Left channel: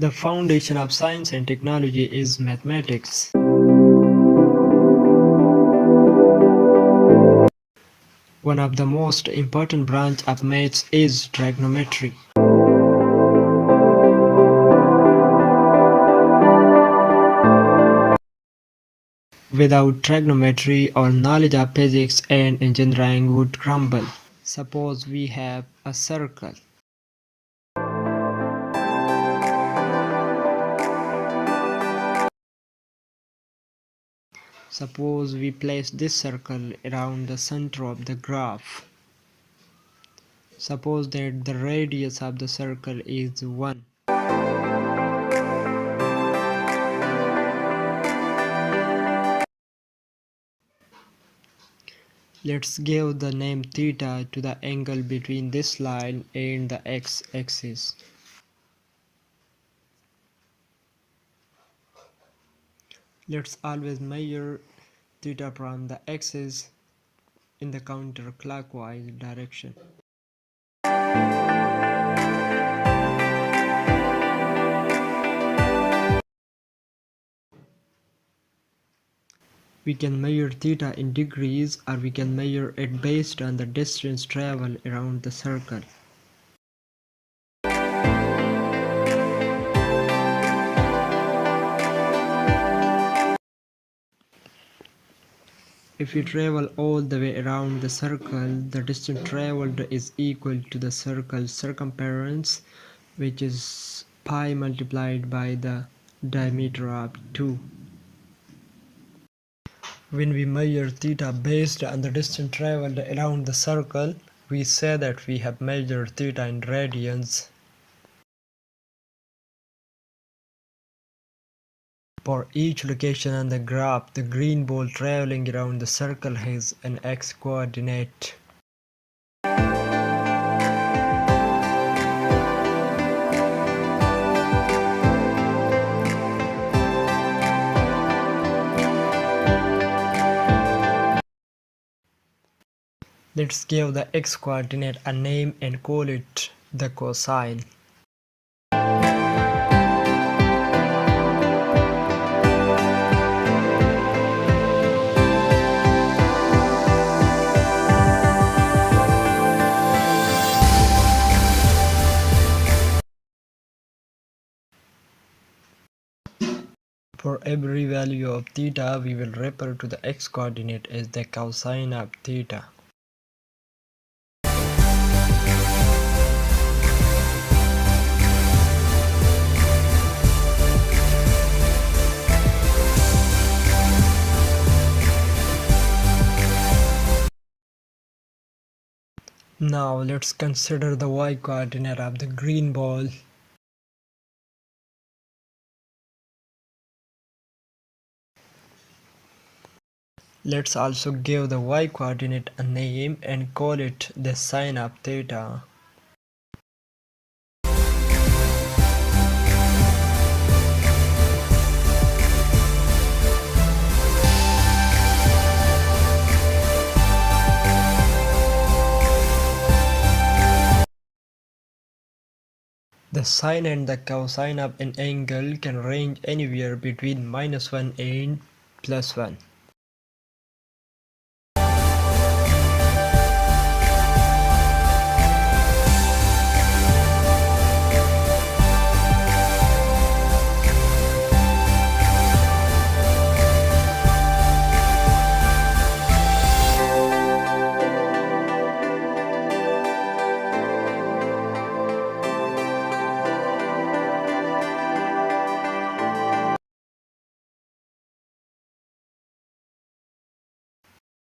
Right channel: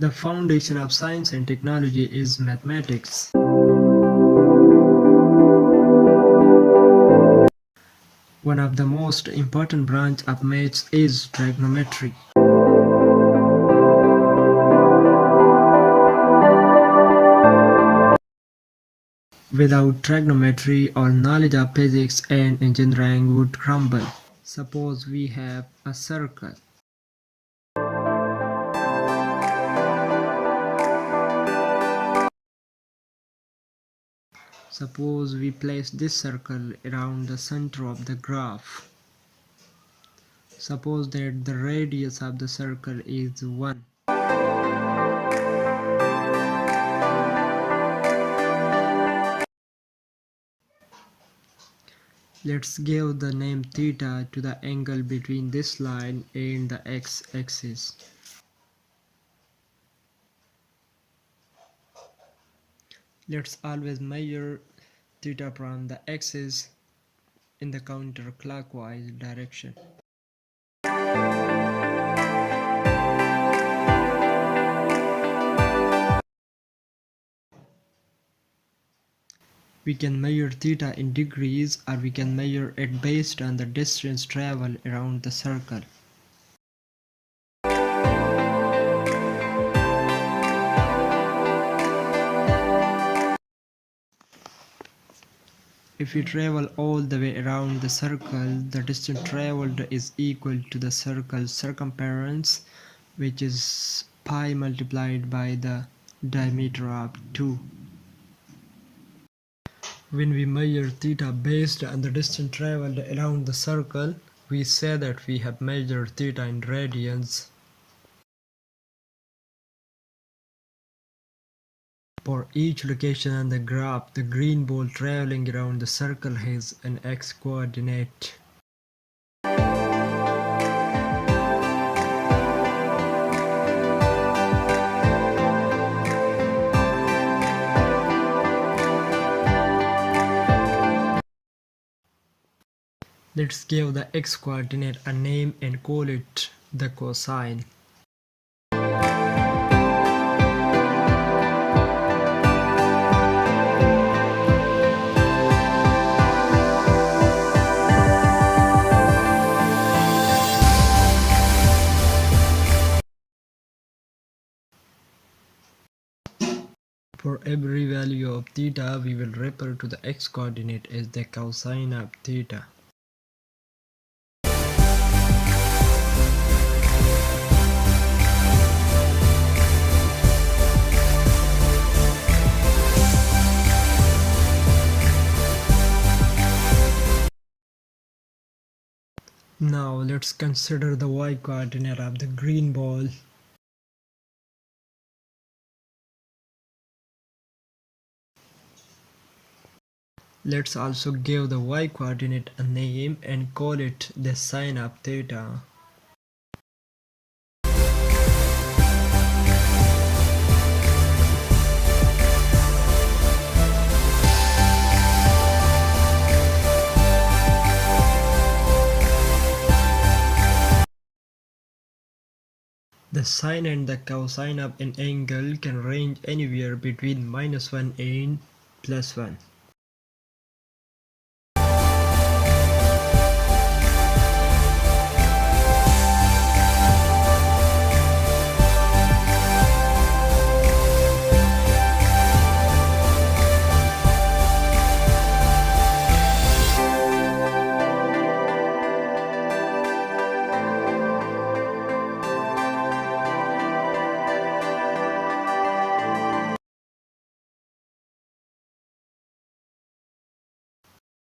The foundation of science and technology is mathematics. One of the most important branch of maths is trigonometry. Without trigonometry, our knowledge of physics and engineering would crumble. Suppose we have a circle. Suppose we place this circle around the center of the graph. Suppose that the radius of the circle is 1. Let's give the name theta to the angle between this line and the x-axis. Let's always measure theta from the axis in the counterclockwise direction. We can measure theta in degrees, or we can measure it based on the distance traveled around the circle. If we travel all the way around the circle, the distance traveled is equal to the circle's circumference, which is pi multiplied by the diameter of 2. When we measure theta based on the distance traveled around the circle, we say that we have measured theta in radians. For each location on the graph, the green ball traveling around the circle has an x-coordinate. Let's give the x-coordinate a name and call it the cosine. For every value of theta, we will refer to the x-coordinate as the cosine of theta. Now let's consider the y-coordinate of the green ball. Let's also give the y-coordinate a name and call it the sine of theta. The sine and the cosine of an angle can range anywhere between -1 and +1.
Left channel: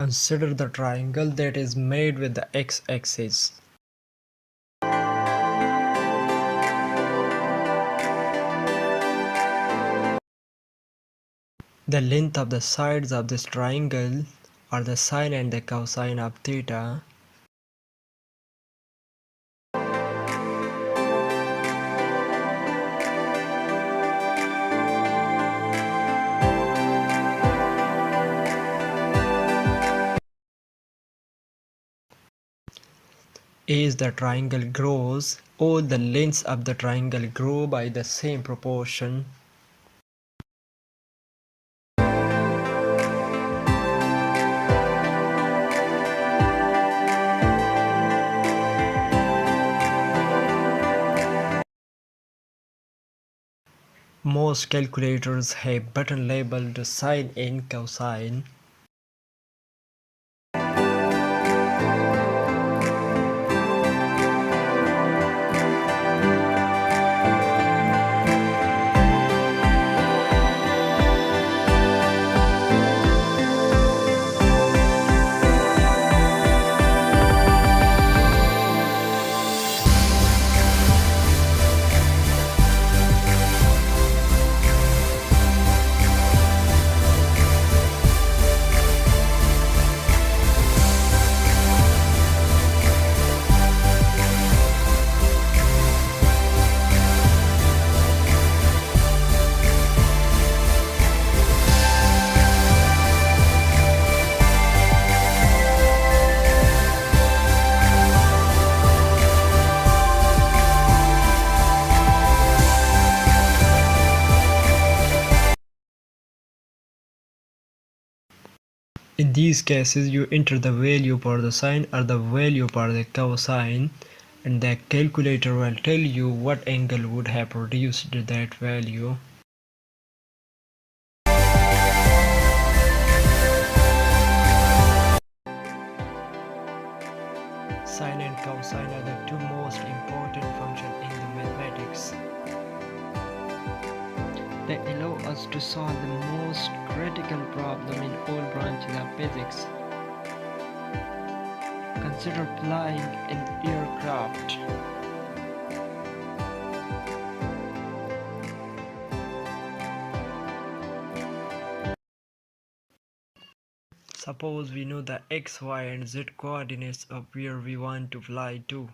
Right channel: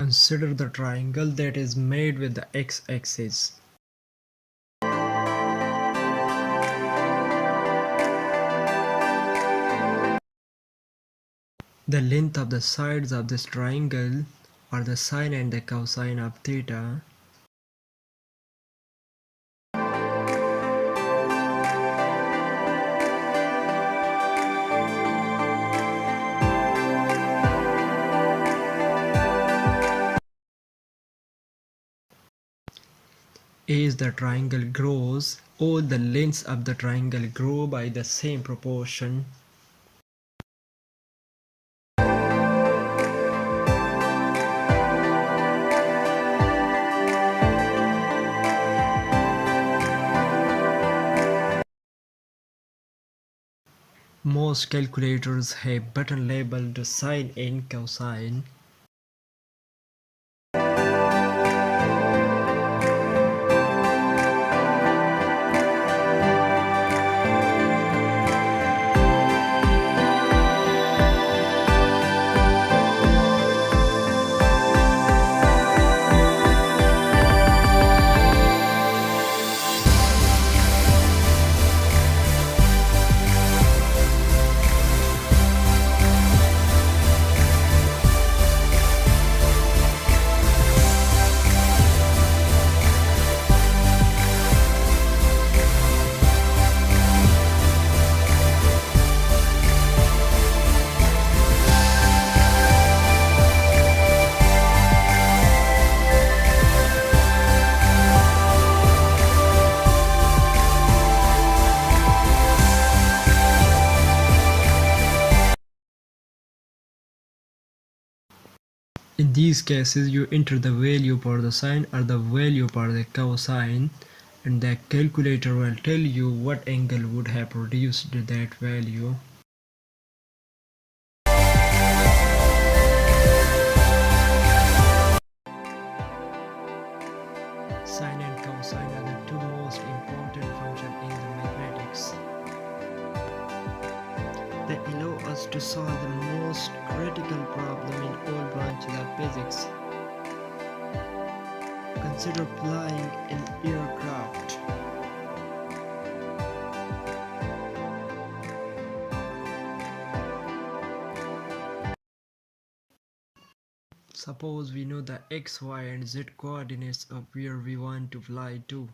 Consider the triangle that is made with the x-axis. The length of the sides of this triangle are the sine and the cosine of theta. As the triangle grows, all the lengths of the triangle grow by the same proportion. Most calculators have button labeled sine and cosine. In these cases, you enter the value for the sine or the value for the cosine, and the calculator will tell you what angle would have produced that value. Sine and cosine are the two most important functions in the mathematics. They allow us to solve the most critical problem in all branches of physics. Consider flying an aircraft. Suppose we know the x, y and z coordinates of where we want to fly to.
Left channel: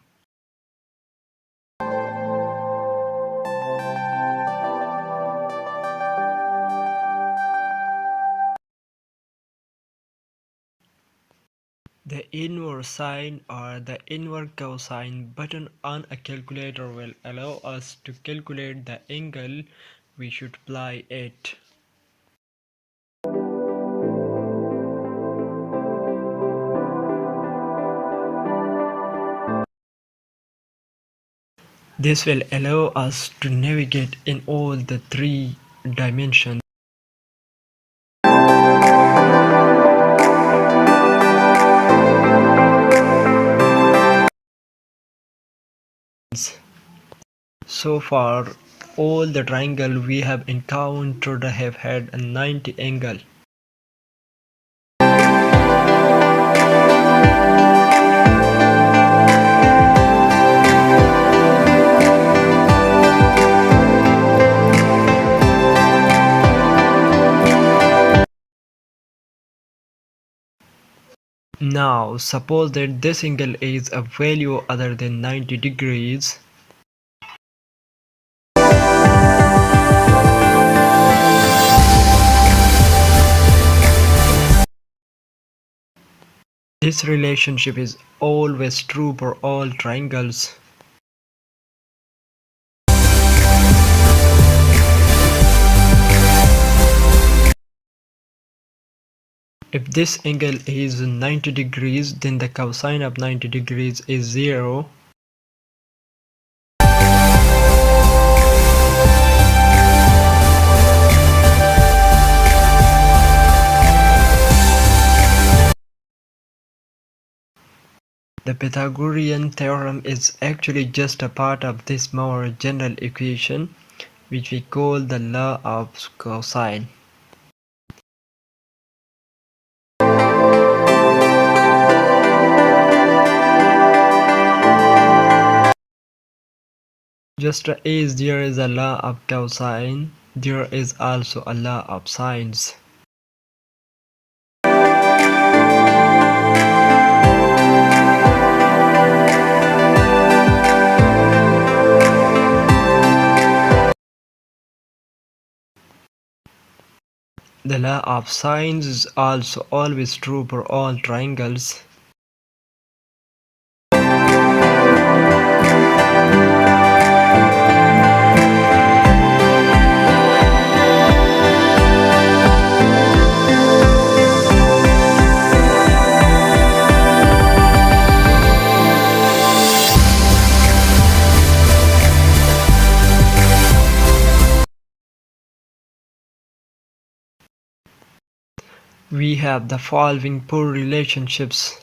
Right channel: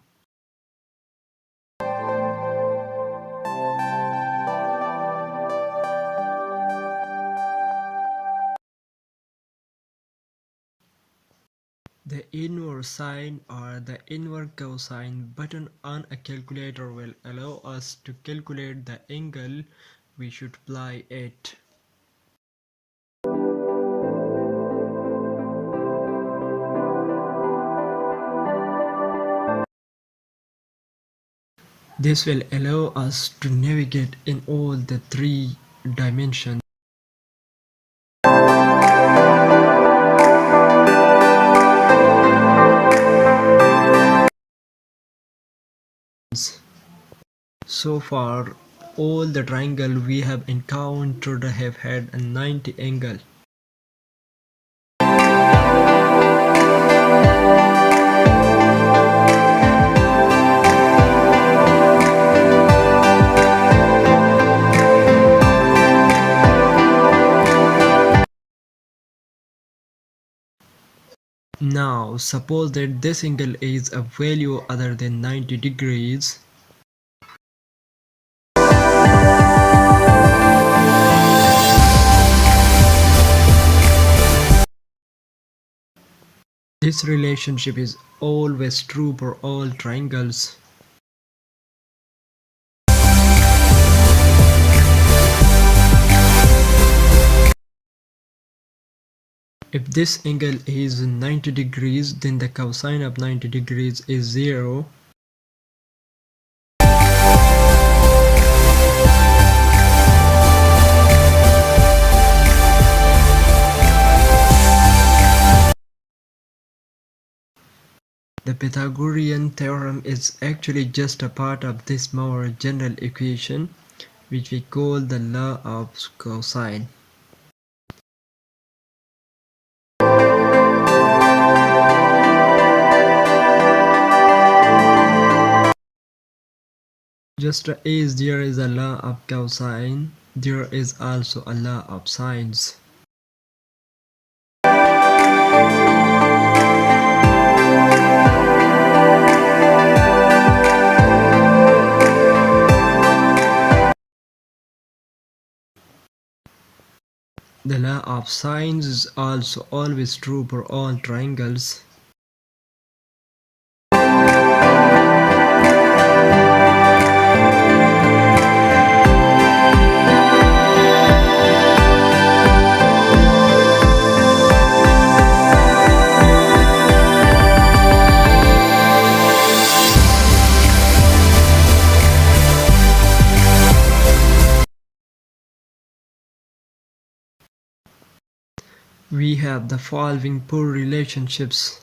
The inverse sine or the inverse cosine button on a calculator will allow us to calculate the angle we should fly at. This will allow us to navigate in all the three dimensions. So far, all the triangles we have encountered have had a 90 angle. Now, suppose that this angle is a value other than 90 degrees. This relationship is always true for all triangles. If this angle is 90 degrees, then the cosine of 90 degrees is 0. The Pythagorean theorem is actually just a part of this more general equation, which we call the law of cosine. Just as there is a law of cosine, there is also a law of sines. The law of sines is also always true for all triangles. We have the following four relationships.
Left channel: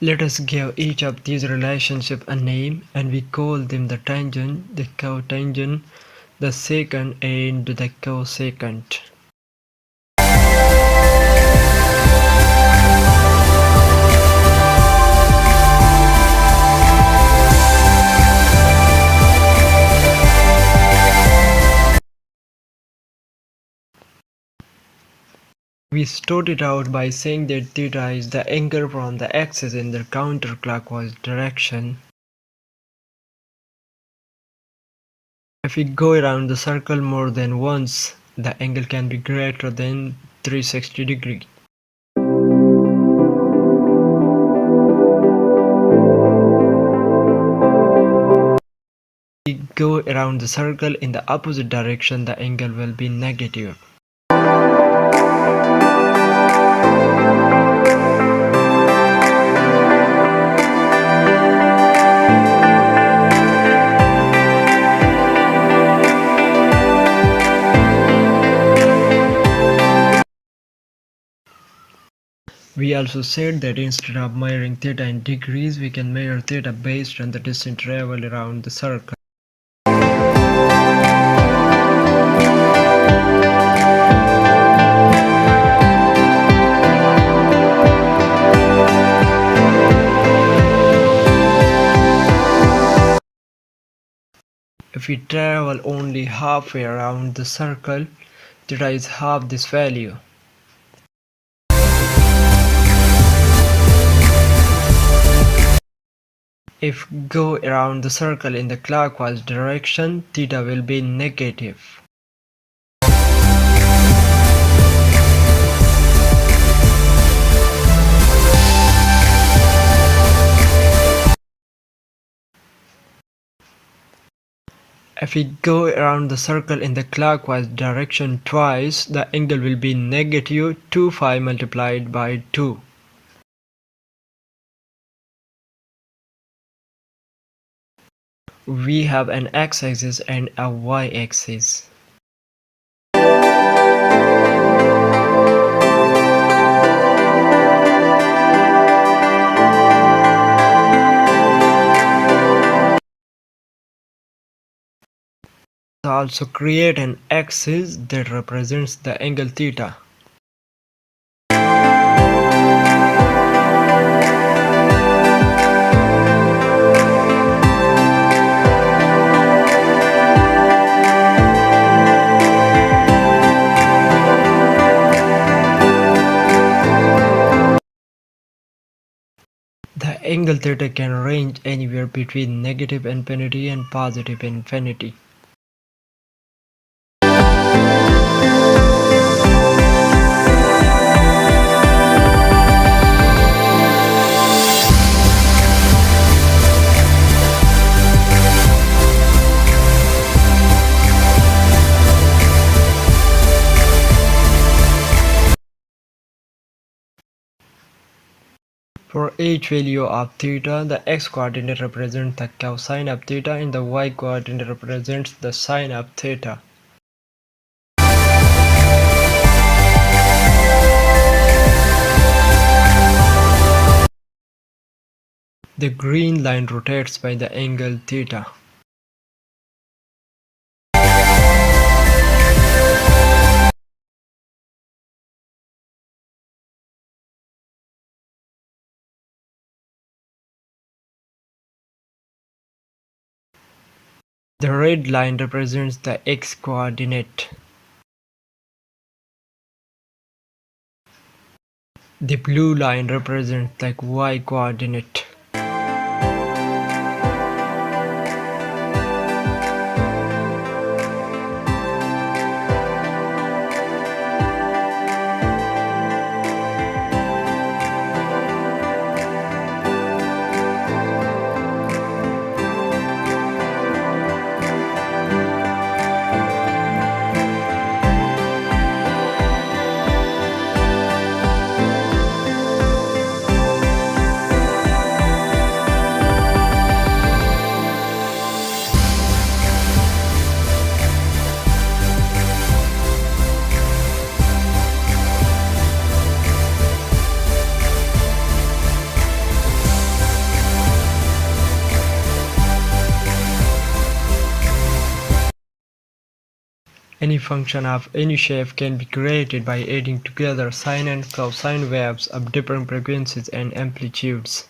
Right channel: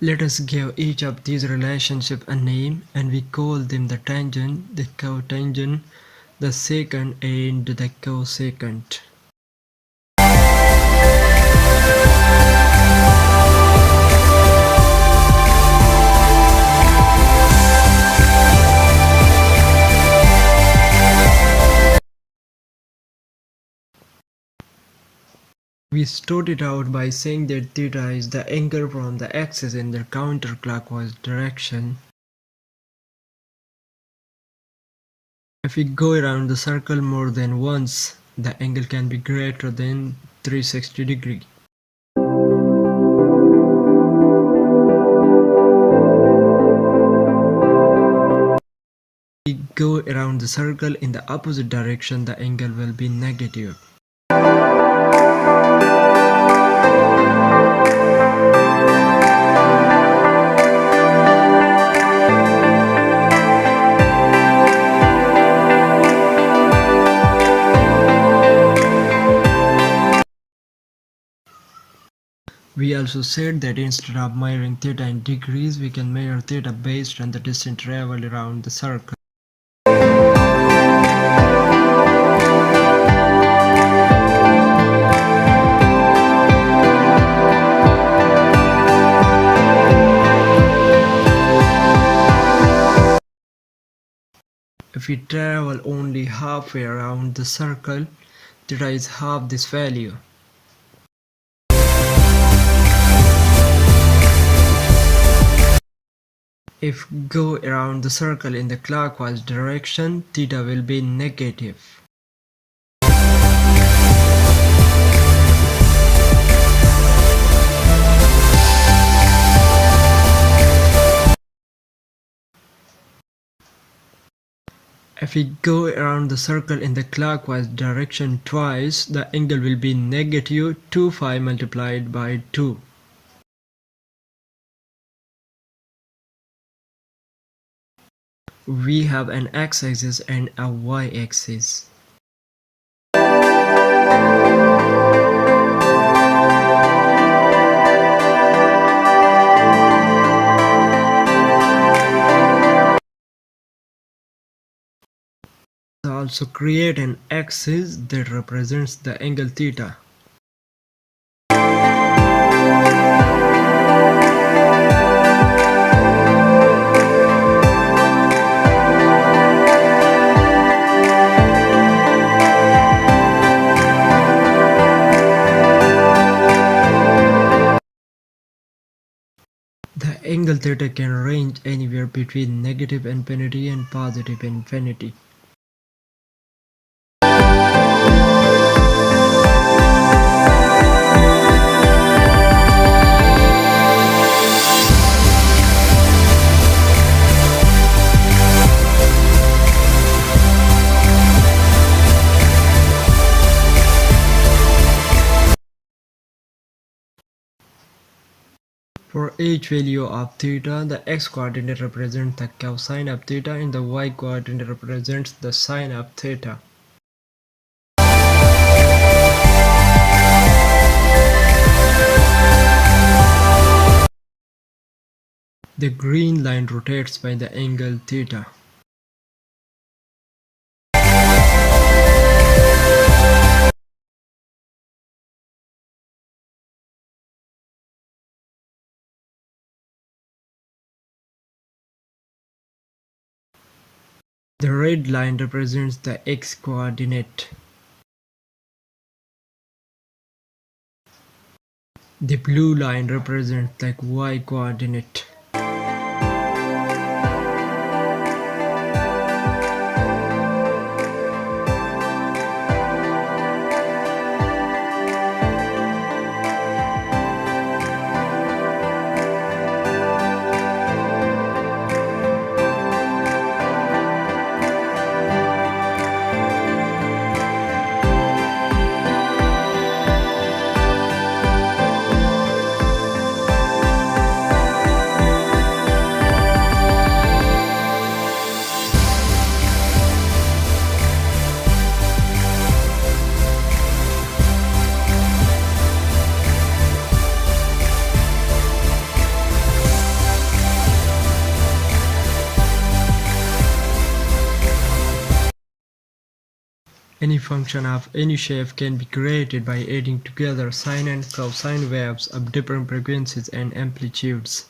Let us give each of these relationships a name, and we call them the tangent, the cotangent, the secant, and the cosecant. We started out by saying that theta is the angle from the axis in the counterclockwise direction. If we go around the circle more than once, the angle can be greater than 360 degrees. If we go around the circle in the opposite direction, the angle will be negative. We also said that instead of measuring theta in degrees, we can measure theta based on the distance traveled around the circle. If we travel only halfway around the circle, theta is half this value. If we go around the circle in the clockwise direction, theta will be negative. If we go around the circle in the clockwise direction twice, the angle will be negative 2 phi multiplied by 2. We have an x-axis and a y-axis. Also create an axis that represents the angle theta. The angle theta can range anywhere between negative infinity and positive infinity. For each value of theta, the x-coordinate represents the cosine of theta and the y-coordinate represents the sine of theta. The green line rotates by the angle theta. The red line represents the x-coordinate. The blue line represents the y-coordinate. Any function of any shape can be created by adding together sine and cosine waves of different frequencies and amplitudes.